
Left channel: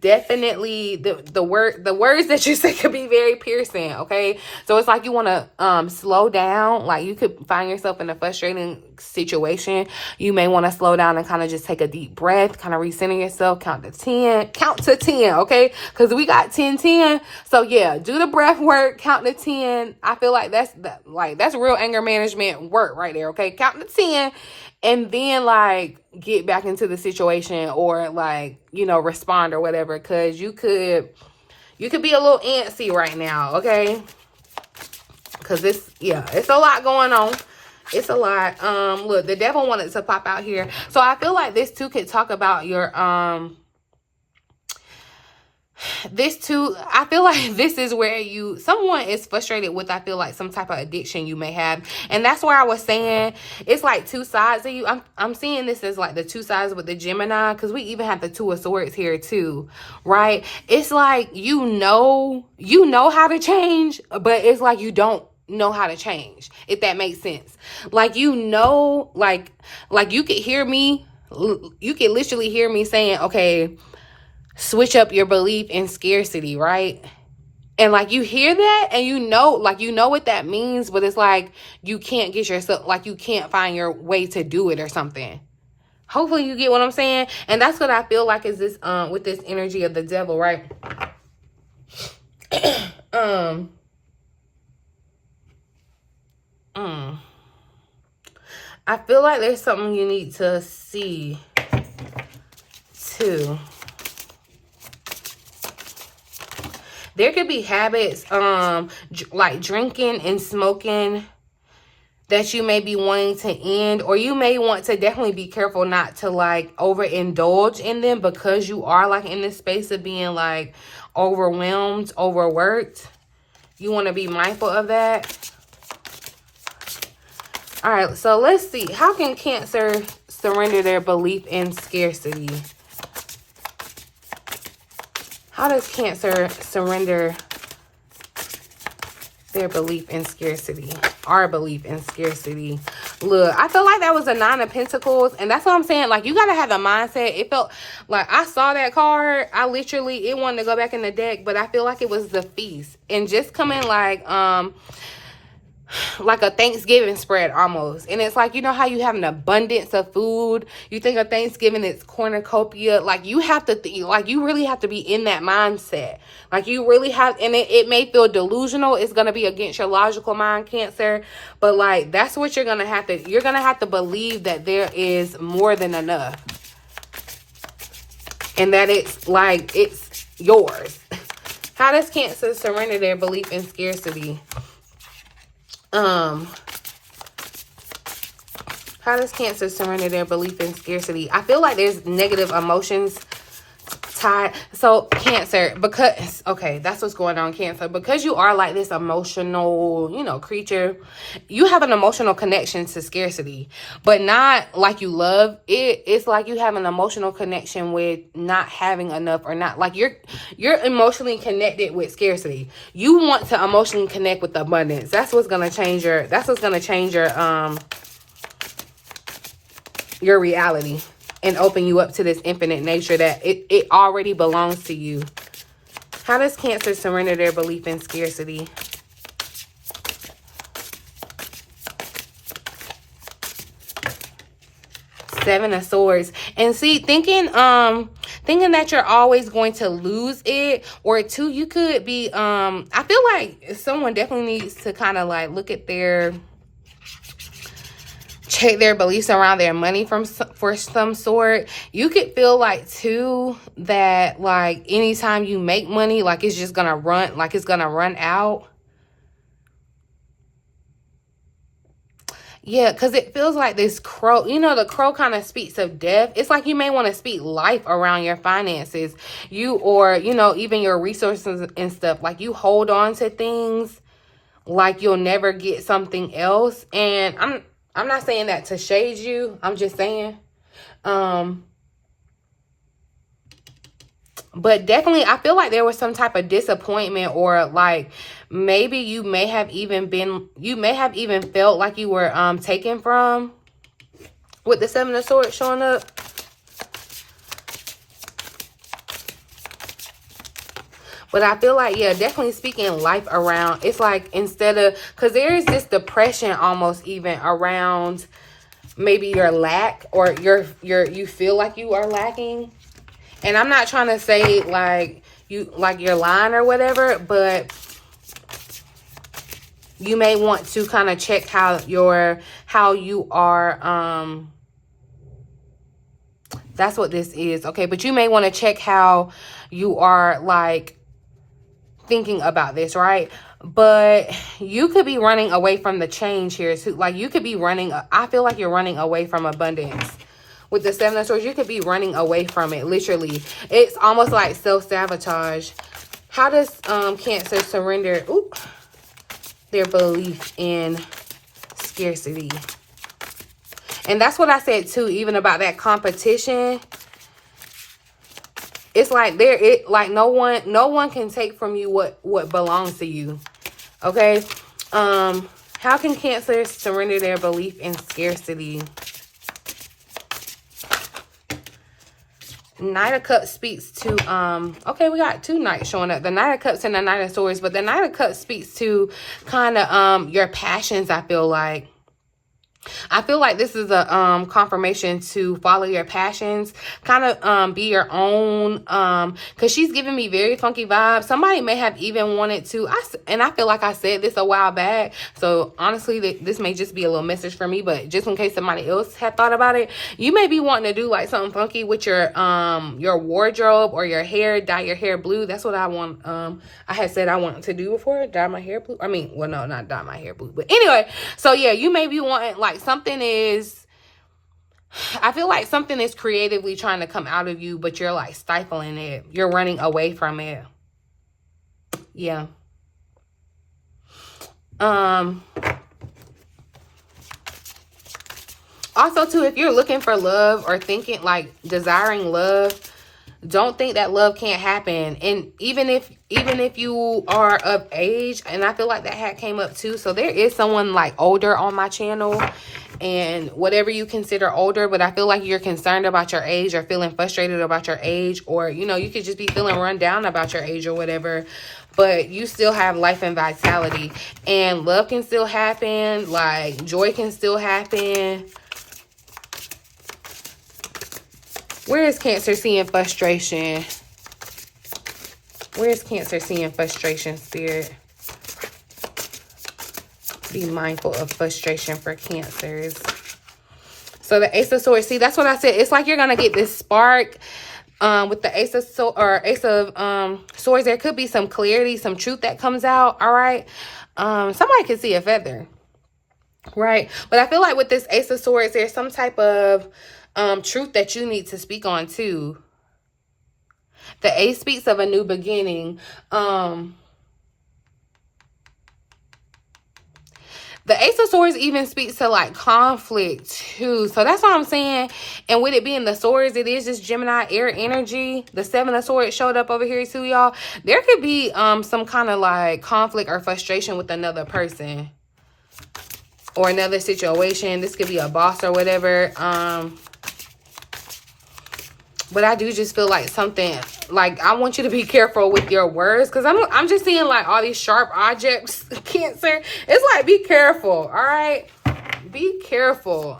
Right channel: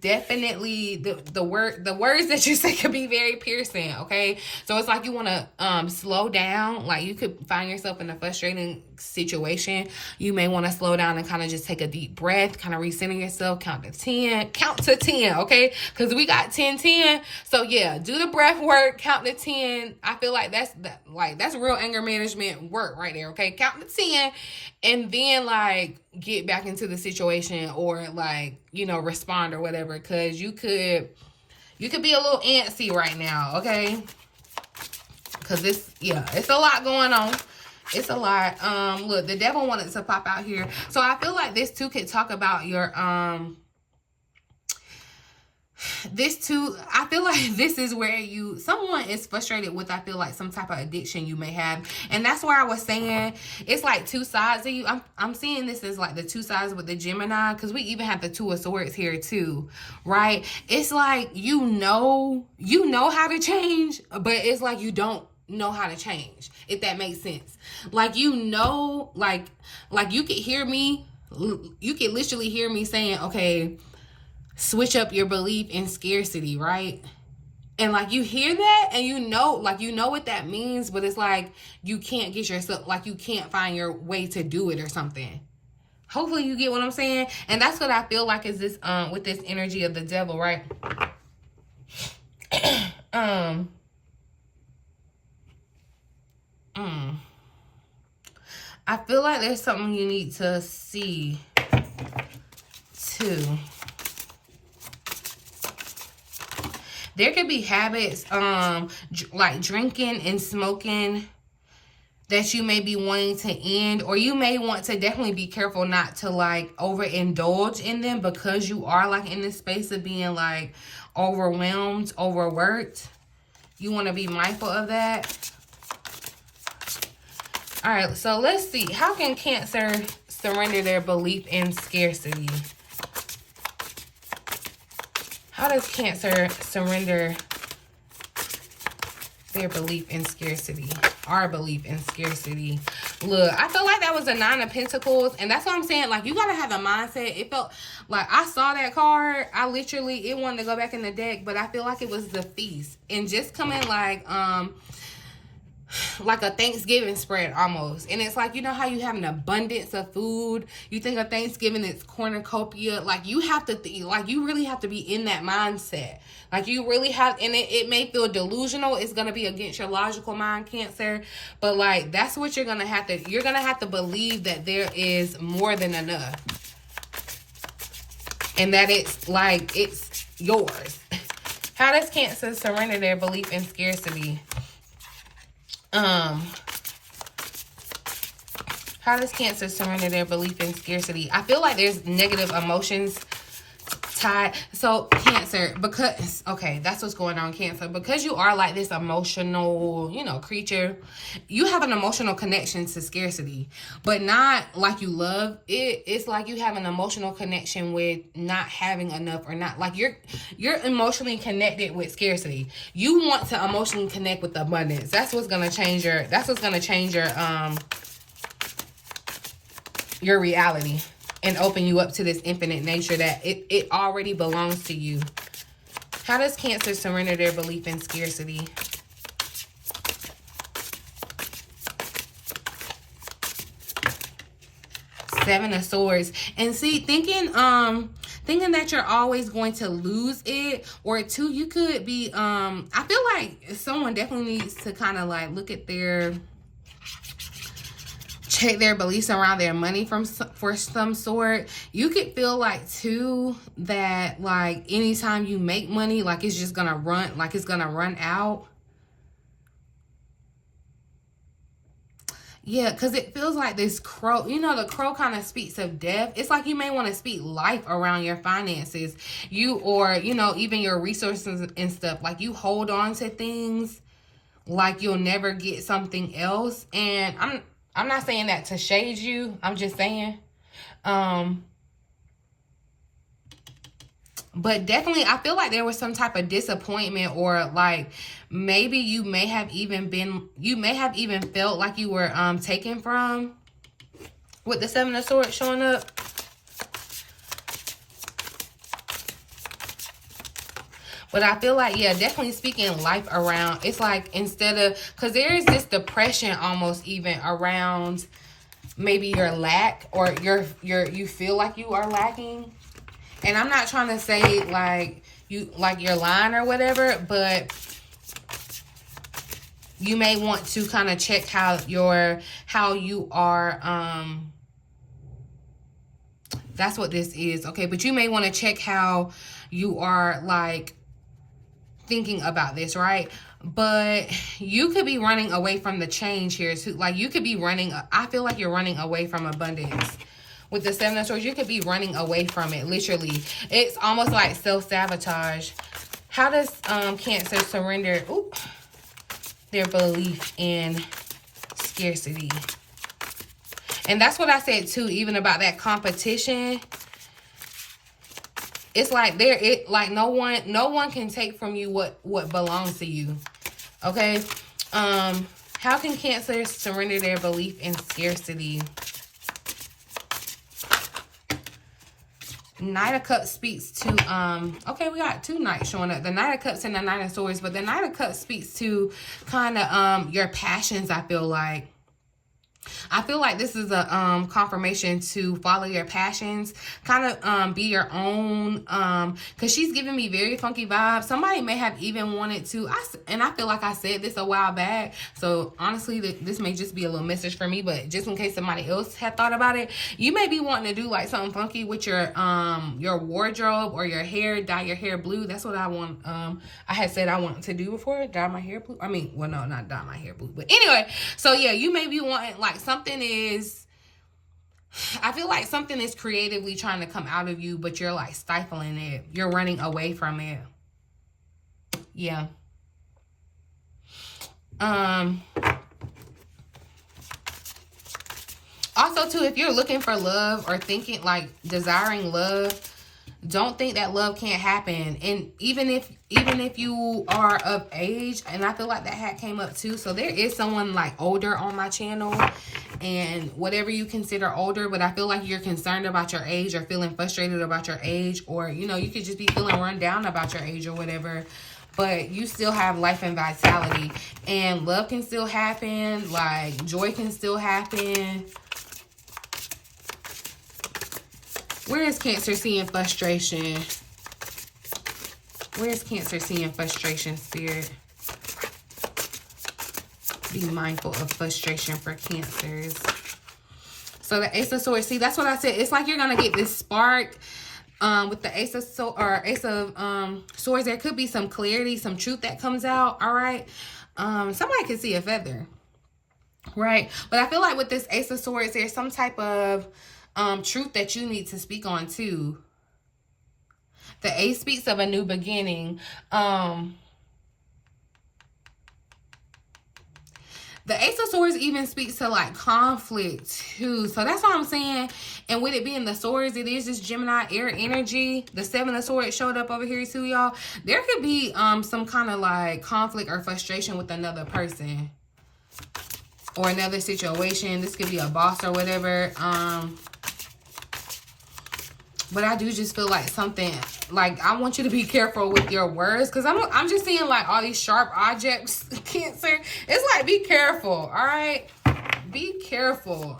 definitely, the words that you say could be very piercing, okay? So it's like you want to slow down. Like, you could find yourself in a frustrating situation. You may want to slow down and kind of just take a deep breath, kind of recenter yourself, count to 10, okay? Because we got 10, 10. So yeah, do the breath work, count to 10. I feel like that's real anger management work right there, okay? Count to 10. And then, like, get back into the situation, or, like, you know, respond or whatever. Because you could be a little antsy right now, okay? Because it's a lot going on. It's a lot. Look, the devil wanted to pop out here. So I feel like this, too, could talk about your, this too, I feel like this is where someone is frustrated with, I feel like, some type of addiction you may have. And that's where I was saying it's like two sides of you. I'm seeing this as like the two sides with the Gemini, because we even have the Two of Swords here too, right? It's like, you know how to change, but it's like you don't know how to change, if that makes sense. Like, you know, like you could hear me, you could literally hear me saying, okay, switch up your belief in scarcity, right? And like, you hear that and you know what that means, but it's like you can't get yourself, like, you can't find your way to do it or something. Hopefully you get what I'm saying. And that's what I feel like is this with this energy of the devil, right? I feel like there's something you need to see too. There could be habits, like drinking and smoking, that you may be wanting to end, or you may want to definitely be careful not to like overindulge in them, because you are like in this space of being like overwhelmed, overworked. You want to be mindful of that. All right, so let's see. How can Cancer surrender their belief in scarcity? How does Cancer surrender their belief in scarcity? Our belief in scarcity. Look, I feel like that was a Nine of Pentacles. And that's what I'm saying. Like, you got to have the mindset. It felt like I saw that card. It wanted to go back in the deck. But I feel like it was the Feast. And just coming like a Thanksgiving spread almost. And it's like, you know how you have an abundance of food? You think of Thanksgiving, it's cornucopia. Like, you have to like, you really have to be in that mindset. Like, you really have, and it may feel delusional. It's going to be against your logical mind, Cancer. But like, that's what you're going to have to believe, that there is more than enough. And that it's like, it's yours. How does Cancer surrender their belief in scarcity? How does Cancer surrender their belief in scarcity? I feel like there's negative emotions tied. So Cancer, because, okay, that's what's going on, Cancer. Because you are like this emotional, you know, creature, you have an emotional connection to scarcity, but not like you love it. It's like you have an emotional connection with not having enough, or not, like you're emotionally connected with scarcity. You want to emotionally connect with abundance. That's what's going to change your reality, and open you up to this infinite nature that it already belongs to you. How does Cancer surrender their belief in scarcity? Seven of Swords. And see, thinking that you're always going to lose it, or two, you could be, I feel like someone definitely needs to kind of like look at check their beliefs around their money for some sort. You could feel like too that like anytime you make money, like it's just gonna run, like it's gonna run out. Yeah, because it feels like this crow, you know, the crow kind of speaks of death. It's like you may want to speak life around your finances, or, you know, even your resources and stuff. Like, you hold on to things, like you'll never get something else. And I'm not saying that to shade you. I'm just saying. But definitely, I feel like there was some type of disappointment, or like maybe you may have even felt like you were taken from, with the Seven of Swords showing up. But I feel like, yeah, definitely speaking life around. It's like instead of, because there is this depression almost even around maybe your lack, or you feel like you are lacking. And I'm not trying to say like you're lying or whatever, but you may want to kind of check how you are. That's what this is. Okay. But you may want to check how you are like thinking about this, right? But you could be running away from the change here. So like you could be running. I feel like you're running away from abundance. With the Seven of Swords, you could be running away from it, literally. It's almost like self-sabotage. How does Cancer surrender their belief in scarcity? And that's what I said, too, even about that competition. It's like no one can take from you what belongs to you. Okay? How can Cancer surrender their belief in scarcity? Knight of Cups speaks to, okay, we got two knights showing up. The Knight of Cups and the Knight of Swords. But the Knight of Cups speaks to kind of your passions, I feel like. I feel like this is a confirmation to follow your passions, kind of be your own, because she's giving me very funky vibes. Somebody may have even wanted to, and I feel like I said this a while back, so honestly this may just be a little message for me, but just in case somebody else had thought about it, you may be wanting to do like something funky with your wardrobe or your hair. Dye your hair blue. That's what I want. I had said I wanted to do before, dye my hair blue. I mean, well, no, not dye my hair blue, but anyway, so yeah, you may be wanting like something is, I feel like something is creatively trying to come out of you, but you're like stifling it. You're running away from it. Yeah. Also too, if you're looking for love or thinking like desiring love, don't think that love can't happen. And even if you are of age, and I feel like that hat came up too. So there is someone like older on my channel, and whatever you consider older, but I feel like you're concerned about your age or feeling frustrated about your age, or, you know, you could just be feeling run down about your age or whatever, but you still have life and vitality, and love can still happen. Like joy can still happen. Where is Cancer seeing frustration? Where is Cancer seeing frustration, Spirit? Be mindful of frustration for Cancers. So the Ace of Swords. See, that's what I said. It's like you're going to get this spark with the Ace of Swords. There could be some clarity, some truth that comes out. All right. Somebody could see a feather. Right. But I feel like with this Ace of Swords, there's some type of truth that you need to speak on too. The Ace speaks of a new beginning. The Ace of Swords even speaks to like conflict too. So that's what I'm saying. And with it being the swords, it is just Gemini air energy. The Seven of Swords showed up over here too, y'all. There could be some kind of like conflict or frustration with another person or another situation. This could be a boss or whatever. But I do just feel like something, like I want you to be careful with your words, because I'm just seeing like all these sharp objects, Cancer. It's like, be careful, all right? Be careful.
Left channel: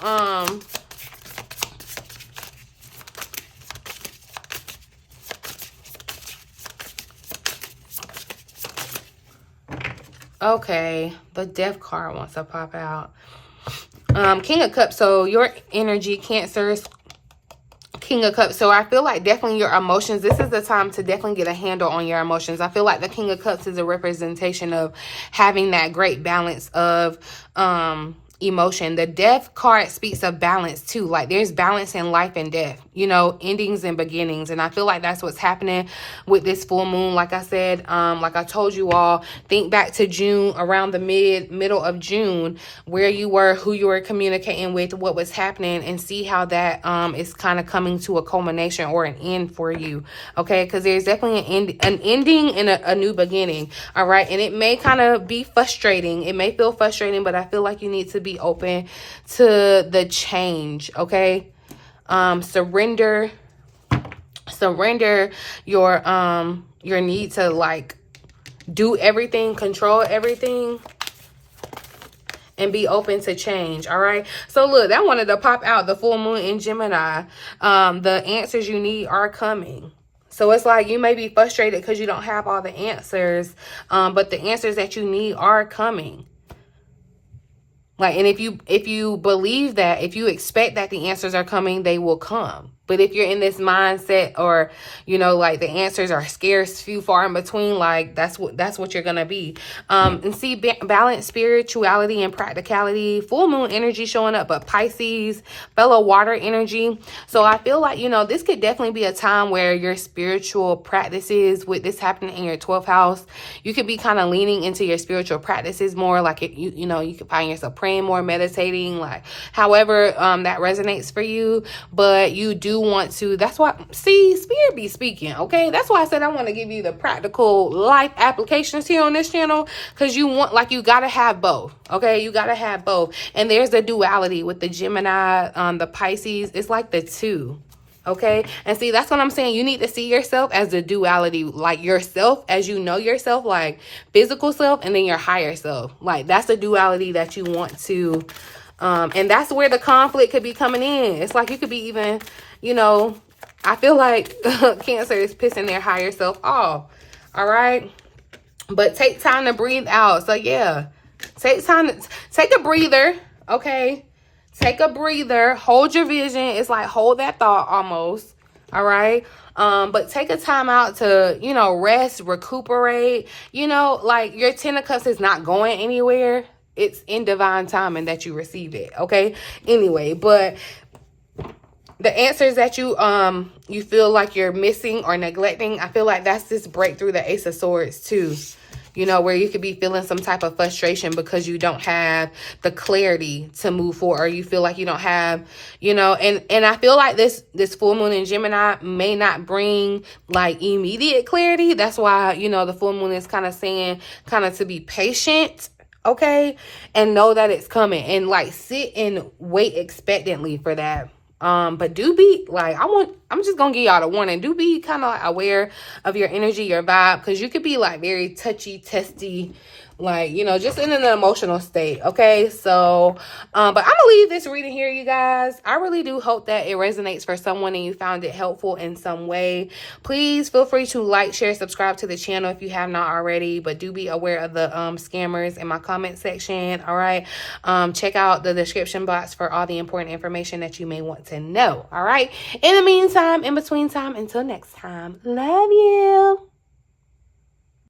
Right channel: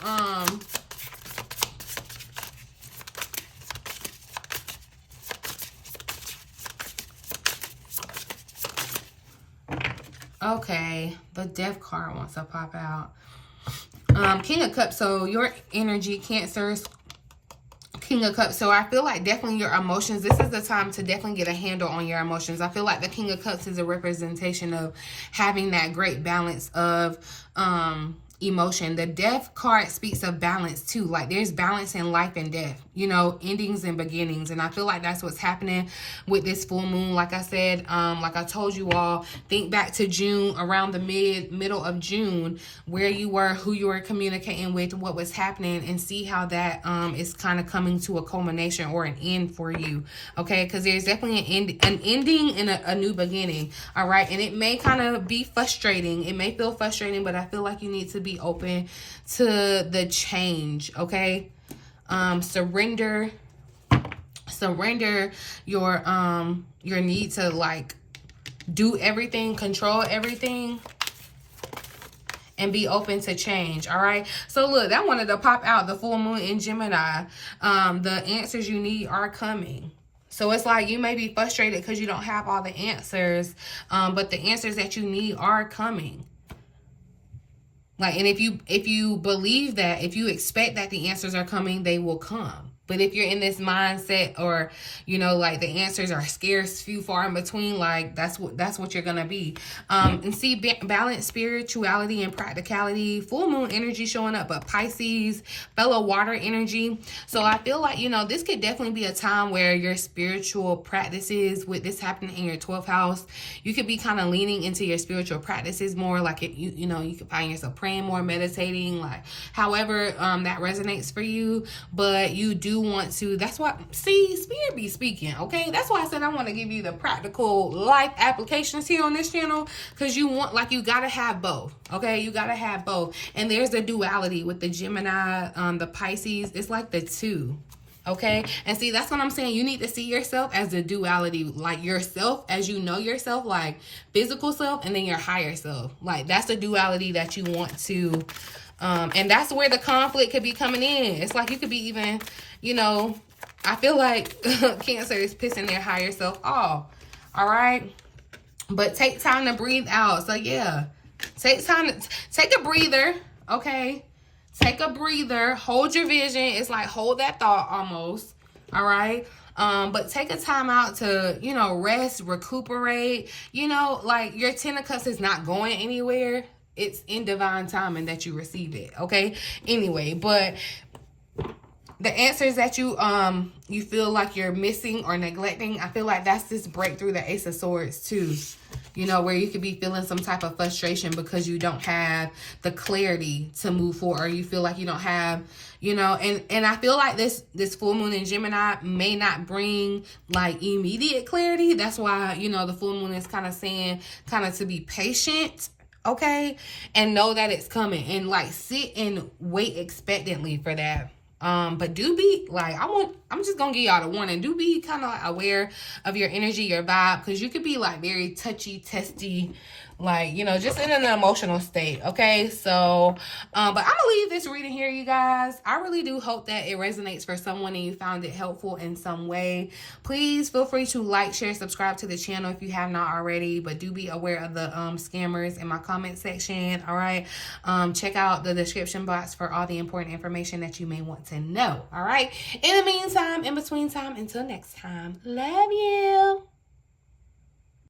Okay, the Death card wants to pop out. King of Cups, so your energy, Cancers. King of Cups. So I feel like definitely your emotions, this is the time to definitely get a handle on your emotions. I feel like the King of Cups is a representation of having that great balance of emotion. The death card speaks of balance too. Like there's balance in life and death, you know, endings and beginnings. And I feel like that's what's happening with this full moon. Like I said, like I told you all, think back to June, around the middle of June, where you were, who you were communicating with, what was happening, and see how that is kind of coming to a culmination or an end for you. Okay, because there's definitely an ending and a new beginning. All right, and it may kind of be frustrating. It may feel frustrating, but I feel like you need to be open to the change. Okay, surrender your need to like do everything, control everything, and be open to change. All right, so look, that wanted to pop out, the full moon in Gemini. The answers you need are coming. So it's like you may be frustrated because you don't have all the answers, but the answers that you need are coming. Like, and if you believe that, if you expect that the answers are coming, they will come. But if you're in this mindset, or, you know, like the answers are scarce, few, far in between, like that's what you're going to be. And see, balance, spirituality, and practicality, full moon energy showing up, but Pisces, fellow water energy. So I feel like, you know, this could definitely be a time where your spiritual practices, with this happening in your 12th house, you could be kind of leaning into your spiritual practices more. Like, you know, you could find yourself praying more, meditating, like however that resonates for you. But you do want to, that's why, see, spirit be speaking. Okay, that's why I said I want to give you the practical life applications here on this channel, because you want, like, you gotta have both. Okay, you gotta have both. And there's the duality with the Gemini, the Pisces. It's like the two. Okay, and see, that's what I'm saying. You need to see yourself as the duality, like yourself as you know yourself, like physical self, and then your higher self. Like that's the duality that you want to, and that's where the conflict could be coming in. It's like you could be even, you know, I feel like Cancer is pissing their higher self off. All right, but take time to breathe out. So yeah, take a breather. Okay. Take a breather, hold your vision. It's like hold that thought almost, all right? But take a time out to, you know, rest, recuperate. You know, like your 10 of Cups is not going anywhere. It's in divine timing that you receive it, okay? Anyway, but the answers that you feel like you're missing or neglecting, I feel like that's this breakthrough, the Ace of Swords too. You know, where you could be feeling some type of frustration because you don't have the clarity to move forward, or you feel like you don't have, you know, and I feel like this full moon in Gemini may not bring like immediate clarity. That's why, you know, the full moon is kind of saying kind of to be patient, okay, and know that it's coming, and like sit and wait expectantly for that. But do be like, I'm just gonna give y'all the warning. Do be kind of like aware of your energy, your vibe, because you could be like very touchy, testy, like, you know, just in an emotional state. Okay, so but I'm gonna leave this reading here, you guys. I really do hope that it resonates for someone and you found it helpful in some way. Please feel free to like, share, subscribe to the channel if you have not already, but do be aware of the scammers in my comment section. All right, check out the description box for all the important information that you may want to know. All right, in the meantime, in between time, until next time, love you.